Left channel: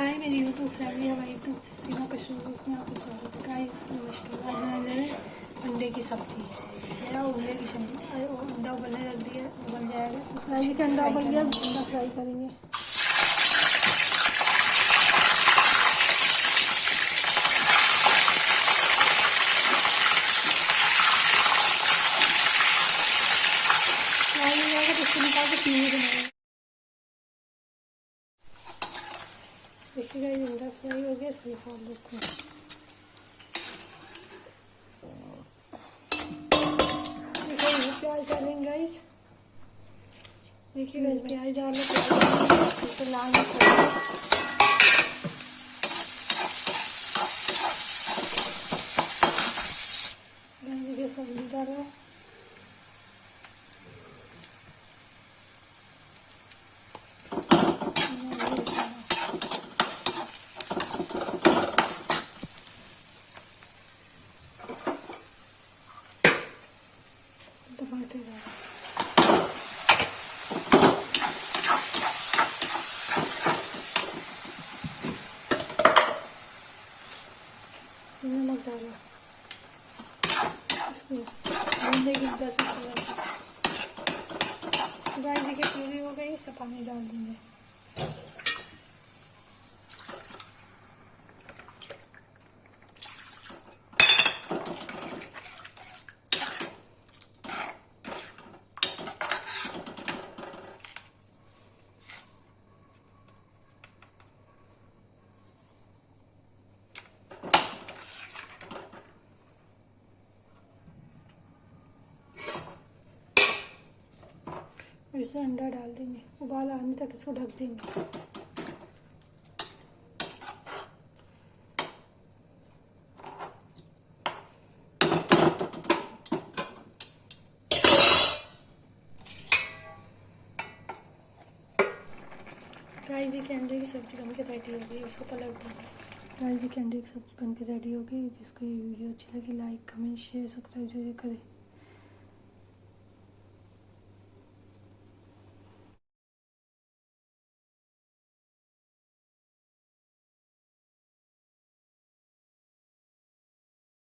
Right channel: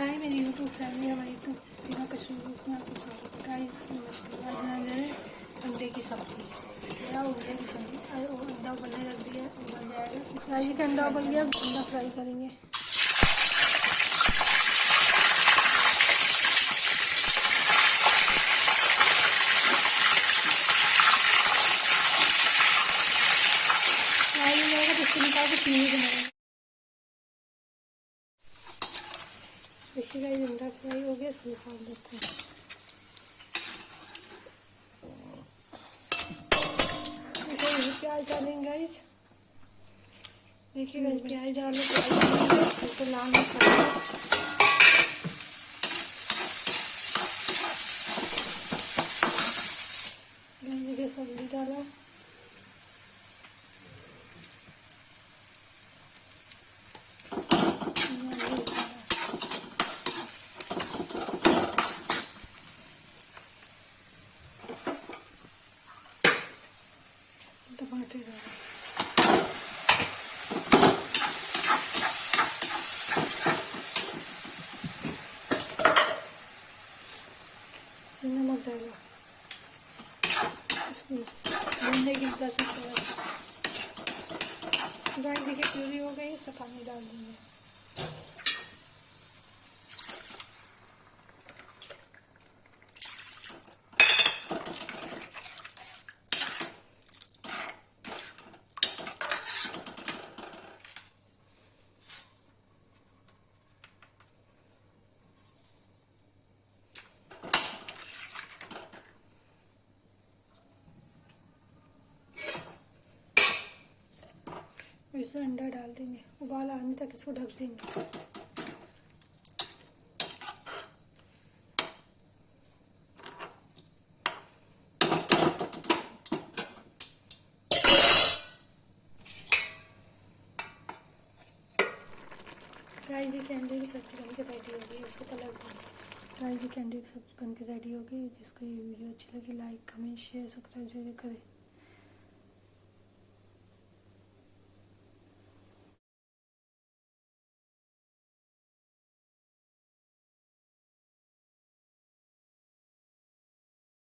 हाय मेरी YouTube family, हमारी YouTube सीमा कश्मीर में आपको स्वागत है। गाइस नमस्कार। आज बना रहे हैं अंडे की सब्जी या उबले की सब्जी। अंडा उबलने रख दिया, उबल जाएगा। गाइस का अंडा उबल गया, अंडा फ्राई करेंगे। फ्राई हो जाएगा तो इसको निकाल के चीनी बनाएंगे। देखिए गाइस अंडा फ्राई हो गया, इसको निकाल देते हैं। देखिए प्याज डालेंगे गाइस। देखिए गाइस प्याज डालो, इसको लाल मसाला देखिए सब्जी डालो। टमाटर डालो। नमक डालो। इसको भूनने की 10 मिनट। गाइस देखिए प्यूरी हो गई, सब पानी डाल देंगे। इसमें अंडा डाल देंगे, उबाल आने तक इसको ढक देंगे। गाइस देखिए अंडे की सब्जी बन के रेडी हो गई, उसको पलट देंगे। गाइस देखिए अंडे की सब्जी बन के रेडी हो गई। जिसको ये वीडियो अच्छी लगी लाइक कमेंट शेयर सब्सक्राइब जरूर करें।